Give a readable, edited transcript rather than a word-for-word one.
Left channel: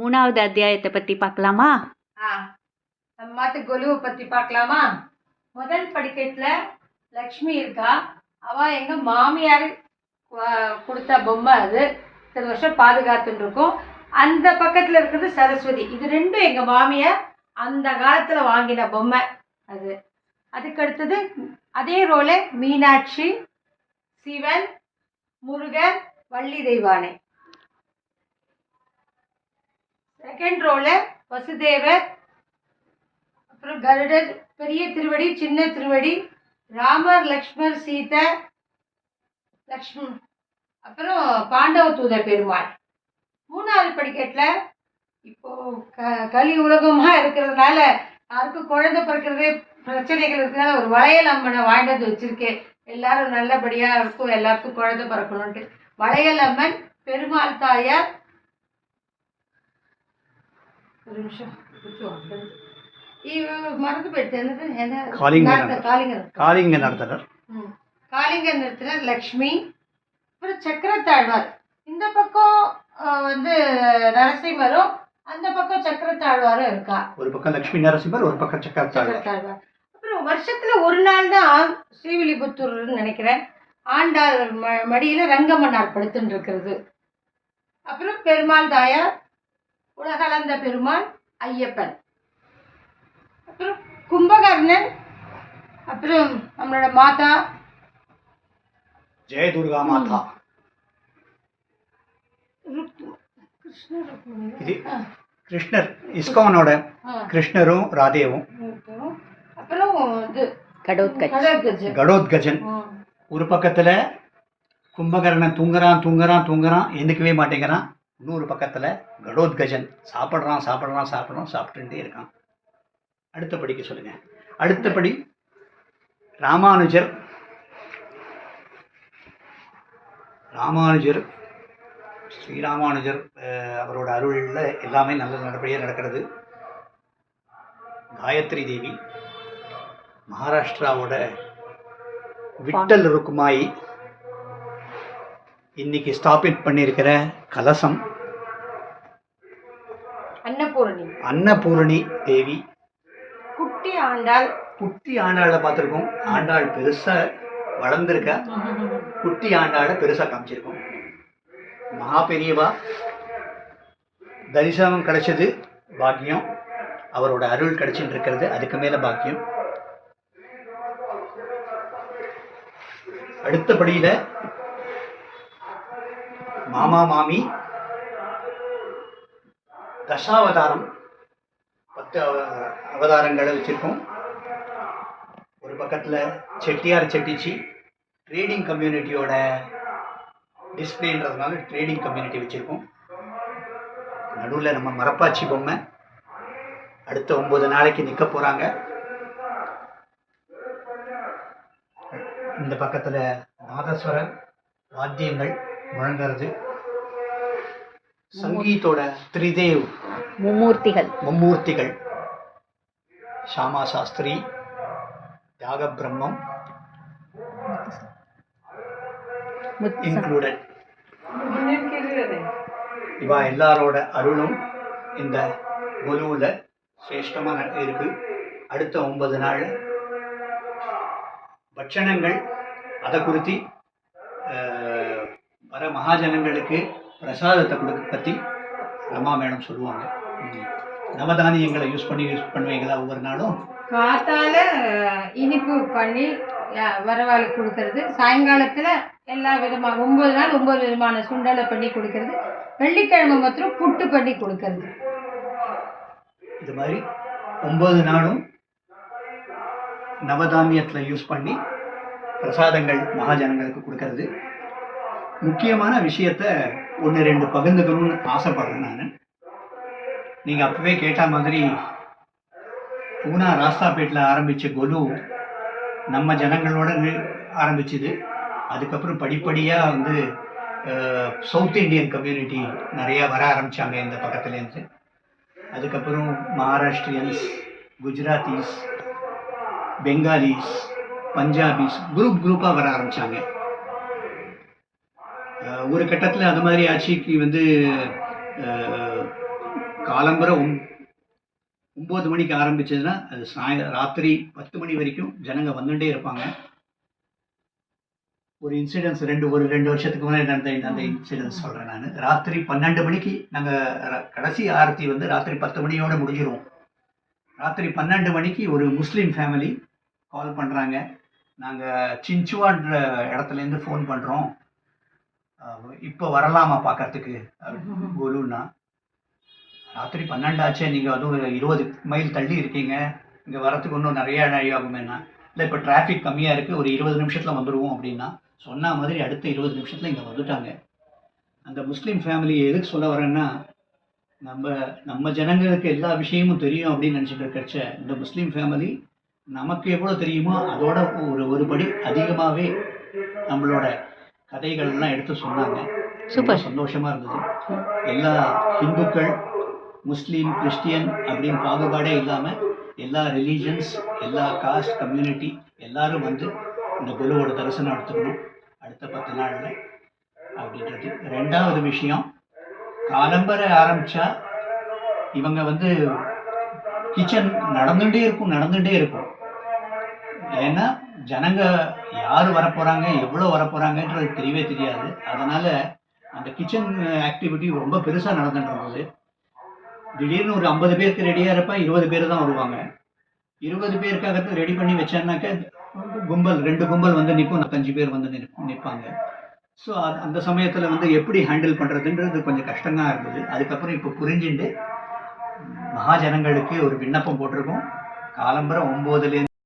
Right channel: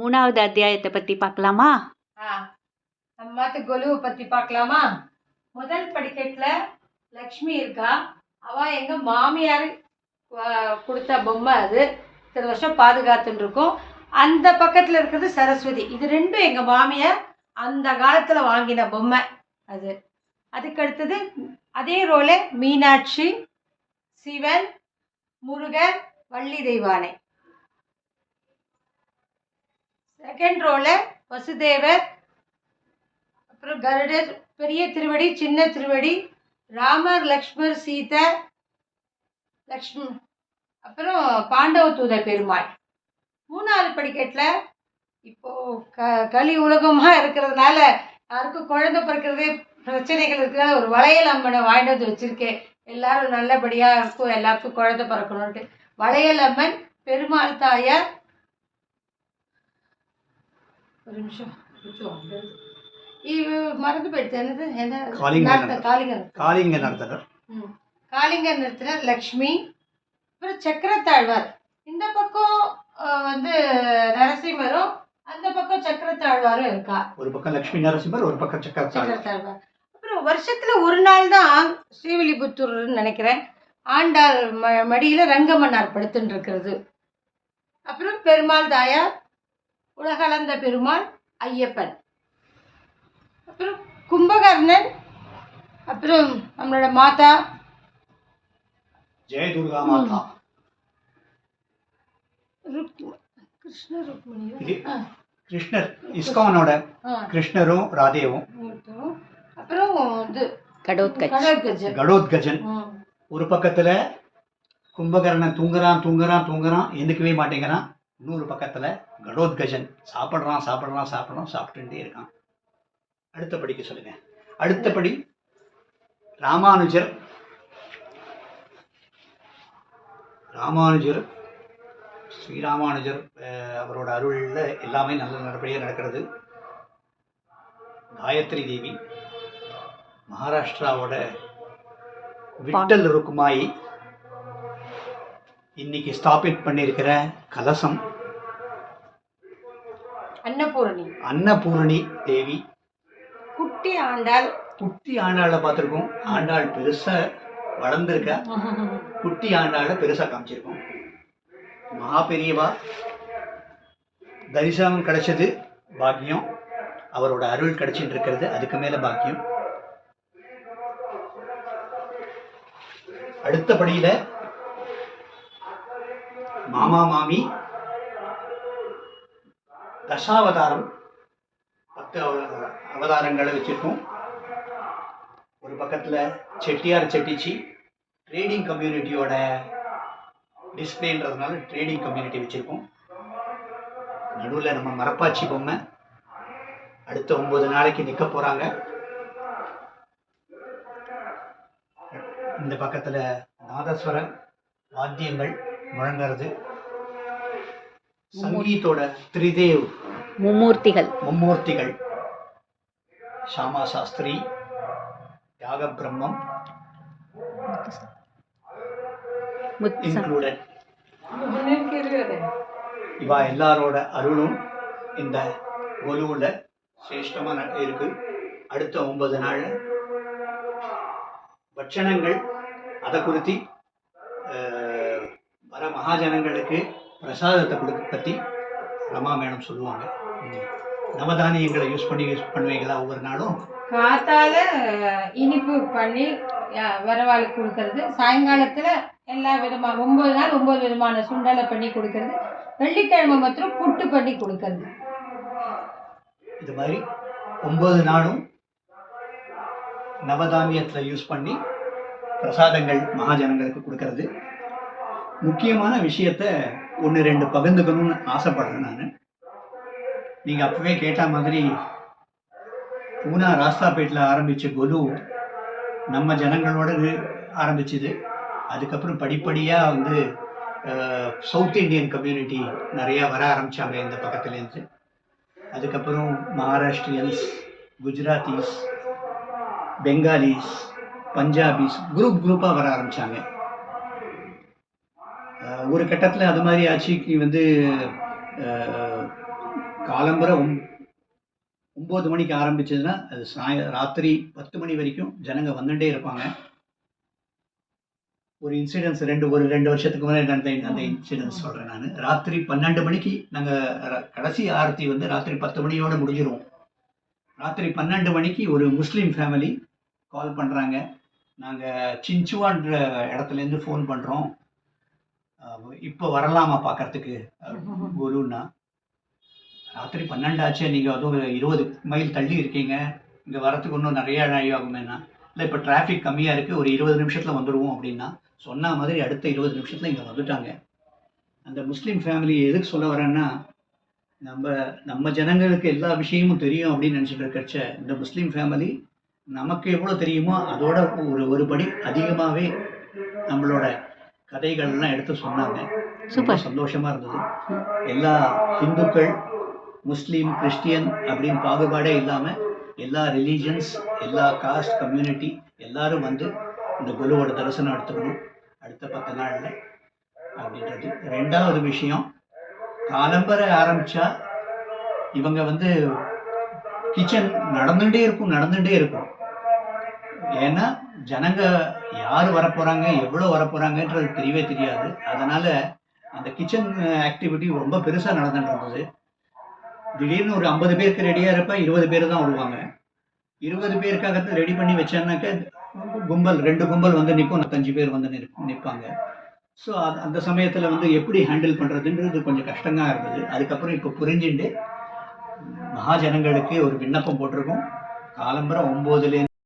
3வது அத்தியாயத்தை பற்றி பார்க்கலாமா? நம்ம மாத்து கொலுவை பற்றி பார்க்கலாமா? முதல் படிக்கட்டில் லக்ஷ்மி இருக்கா. அவள் எங்கள் மாமியார் கொடுத்த பொம்மை. அது இத்தனை வருஷம் பாதுகாத்துட்டு இருக்கும். அந்த பக்கத்தில் இருக்கிறது சரஸ்வதி. இது ரெண்டும் எங்கள் மாமியார் அந்த காலத்தில் வாங்கின பொம்மை. அதுக்கடுத்தது அதே ரோல மீனாட்சி, சிவன், முருகன், வள்ளி தெய்வானை. செகண்ட் ரோல வசுதேவர், அப்புறம் கருடர், பெரிய திருவடி, சின்ன திருவடி, ராமர், லக்ஷ்மர், சீதை, லக்ஷ்மி, அப்புறம் பாண்டவ தூத பெருமாள். 3வது படிக்கட்டில் இப்போ கலி உலகமாக இருக்கிறதுனால யாருக்கும் குழந்தை பிறக்கிறதே பிரச்சனைகள் இருக்கிறதுனால ஒரு வளையல் அம்மனை வாங்கிட்டு வச்சிருக்கேன். எல்லாரும் நல்லபடியாக இருக்கும், எல்லாருக்கும் குழந்தை பிறக்கணும்ட்டு. வளையல் அம்மன், பெருமாள் தாயார், ஒரு நிமிஷம் மறந்து போயிடுச்சு. என்னது காளிங்க நிறுத்தினர் லக்ஷ்மி, அப்புறம் சக்கரத்தாழ்வார். இந்த பக்கம் நரசிம்மரும், அந்த பக்கம் சக்கரத்தாழ்வாரும் இருக்கா. ஒரு பக்கம் லட்சுமி நரசிம்மர், ஒரு பக்கம் சக்கரத்தாழ்வார். அப்புறம் வருஷத்துல ஒரு நாள் தான் ஸ்ரீவில்லிபுத்தூர்னு நினைக்கிறேன், ஆண்டாள் மடியில ரங்கமன்னார் படுத்துட்டு இருக்கிறது. அப்புறம் பெருமாள் தாயார், உலகளந்த பெருமாள், ஐயப்பன், அப்புறம் கும்பகர்ணன், அப்புறம் நம்மளோட மாதா ஜெயதுர்கா மாதா, கிருஷ்ணர், இஸ்கானோட கிருஷ்ணரும் ராதேவும், அப்புறம் கடோத்கஜன். ஒரு பக்கத்துல கும்பகர்ணன் தூங்குறான் எந்துக்கவே மாட்டேங்கிறான். இன்னொரு பக்கத்துல கடோத்கஜன் சாப்பிட்டுட்டே இருக்கான். அடுத்த படிக்க சொல்லுங்க. அடுத்தபடி ராமானுஜர் ஸ்ரீராமானுஜர் அவரோட அருள்ல எல்லாமே நல்லபடியாக நடக்கிறது. காயத்ரி தேவி, மகாராஷ்டிராவோட விட்டல் ருக்குமாயி, இன்னைக்கு ஸ்தாபித் பண்ணியிருக்கிற கலசம் அன்னபூரணி தேவி, குட்டி ஆண்டாளை பார்த்துருக்கோம். ஆண்டாள் பெருசா வளர்ந்துருக்க, குட்டி ஆண்டாளை பெருசா காமிச்சிருக்கோம். மகா பெரியவா தரிசனம் கிடைச்சது பாக்கியம், அவரோட அருள் கிடைச்சிட்டு இருக்கிறது அதுக்கு மேல பாக்கியம். அடுத்தபடியில மாமா மாமி தசாவதாரம், 10 அவதாரங்களை வச்சிருக்கோம். ஒரு பக்கத்துல செட்டியார் செட்டிச்சி ட்ரேடிங் கம்யூனிட்டியோட டிஸ்பிளேன்றதுனால ட்ரேடிங் கம்யூனிட்டி வச்சிருக்கோம். நடுவில் நம்ம மரப்பாச்சி பொம்மை அடுத்த 9 நாளைக்கு நிற்க போறாங்க. இந்த பக்கத்துல நாதஸ்வர வாத்தியங்கள் முழங்குறது, சங்கீத்தோட திரிதேவ் மும்மூர்த்திகள், ஷாமா சாஸ்திரி, தியாக பிரம்மம் இன்க்ளூடட். இவா எல்லாரோட அருளும் இந்த கொலுவுல சிரேஷ்டமா இருக்கு. அடுத்த 9 நாள் பட்சணங்கள் அதை குறித்து வர மகாஜனங்களுக்கு பிரசாதத்தை கொடுக்க பற்றி ரமா மேடம் சொல்லுவாங்க. நவதானியங்களை யூஸ் பண்ணுவீங்களா? ஒவ்வொரு நாளும் காத்தால இனிப்பு பண்ணி வரவாளுக்கு கொடுக்கறது, சாயங்காலத்துல எல்லா விதமான 9 நாள் 9 விதமான சுண்டலை பண்ணி கொடுக்கறது, வெள்ளிக்கிழமை மாத்திரம் புட்டு பண்ணி கொடுக்கறது. இது மாதிரி 9 நாளும் நவதானியத்தில் யூஸ் பண்ணி பிரசாதங்கள் மகாஜனங்களுக்கு கொடுக்கறது. முக்கியமான விஷயத்த 1-2 பகிர்ந்துக்கணும்னு ஆசைப்படுறேன் நான். நீங்கள் அப்பவே கேட்ட மாதிரி பூனா ராஸ்தாபேட்டில் ஆரம்பித்த கொலு நம்ம ஜனங்களோட ஆரம்பிச்சுது. அதுக்கப்புறம் படிப்படியாக சவுத் இண்டியன் கம்யூனிட்டி நிறையா வர ஆரம்பித்தாங்க இந்த பக்கத்துலேருந்து. அதுக்கப்புறம் மகாராஷ்டிரியன்ஸ், குஜராத்திஸ், பெங்காலிஸ், பஞ்சாபிஸ் குரூப்பாக வர ஆரம்பித்தாங்க. ஒரு கட்டத்தில் அது மாதிரி ஆட்சிக்கு காலம்பரை 9 மணிக்கு ஆரம்பிச்சதுன்னா அது ராத்திரி 10 மணி வரைக்கும் ஜனங்க வந்துட்டே இருப்பாங்க. ஒரு இன்சிடென்ட்ஸ் ஒரு 2 வருஷத்துக்கு முன்னாடி நடந்த அந்த இன்சிடென்ட்ஸ் சொல்கிறேன் நான். ராத்திரி 12 மணிக்கு நாங்கள் கடைசி ஆரத்தி வந்து ராத்திரி 10 மணியோடு முடிஞ்சிருவோம். ராத்திரி 12 மணிக்கு ஒரு முஸ்லீம் ஃபேமிலி கால் பண்ணுறாங்க. நாங்கள் சின்ச்சுவான்ற இடத்துலேருந்து ஃபோன் பண்ணுறோம், இப்போ வரலாமா பார்க்கறதுக்கு கோலுன்னா. ராத்திரி 12 ஆச்சே, நீங்கள் அதுவும் 20 மைல் தள்ளி இருக்கீங்க, இங்கே வரத்துக்கு இன்னும் நிறைய நாழி ஆகுமேனா. இல்லை இப்போ டிராஃபிக் கம்மியாக இருக்குது, ஒரு 20 நிமிஷத்தில் வந்துடுவோம் அப்படின்னா. சொன்ன மாதிரி அடுத்த 20 நிமிஷத்தில் இங்கே வந்துட்டாங்க. அந்த முஸ்லீம் ஃபேமிலி எதுக்கு சொல்ல வரேன்னா, நம்ம ஜனங்களுக்கு எல்லா விஷயமும் தெரியும் அப்படின்னு நினச்சிட்டு இருக்கச்ச, இந்த முஸ்லீம் ஃபேமிலி நமக்கு எவ்வளோ தெரியுமோ அதோட ஒரு படி அதிகமாகவே நம்மளோட கதைகள்லாம் எடுத்து சொன்னாங்க. சூப்பர். சந்தோஷமாக இருந்தது. எல்லா ஹிந்துக்கள், முஸ்லீம், கிறிஸ்டியன் அப்படின்னு பாகுபாடே இல்லாமல் எல்லா ரிலீஜன்ஸ், எல்லா காஸ்ட், கம்யூனிட்டி எல்லாரும் வந்து இந்த குருவோட தரிசனம் எடுத்துக்கணும் அடுத்த 10 நாளில் அப்படின்றது. 2வது விஷயம், காலம்பரை ஆரம்பித்தா இவங்க வந்து கிச்சன் நடந்துகிட்டே இருக்கும். ஏன்னா ஜனங்க யார் வரப்போகிறாங்க, எவ்வளோ வரப்போகிறாங்கன்றது தெரியவே தெரியாது. அதனால் அந்த கிச்சன் ஆக்டிவிட்டி ரொம்ப பெருசாக நடந்துட்டு இருந்தது. திடீர்னு ஒரு 50 பேருக்கு ரெடியாக இருப்ப 20 பேர் தான் வருவாங்க. 20 பேருக்காக ரெடி பண்ணி வச்சானாக்க கும்பல் 2 கும்பல் வந்து நிற்கும், 5 பேர் வந்து நிற்பாங்க. ஸோ அந்த சமயத்தில் வந்து எப்படி ஹேண்டில் பண்ணுறதுன்றது கொஞ்சம் கஷ்டமாக இருந்தது. அதுக்கப்புறம் இப்போ புரிஞ்சுட்டு மகாஜனங்களுக்கு ஒரு விண்ணப்பம் போட்டிருக்கோம். காலம்பரை 9லேருந்து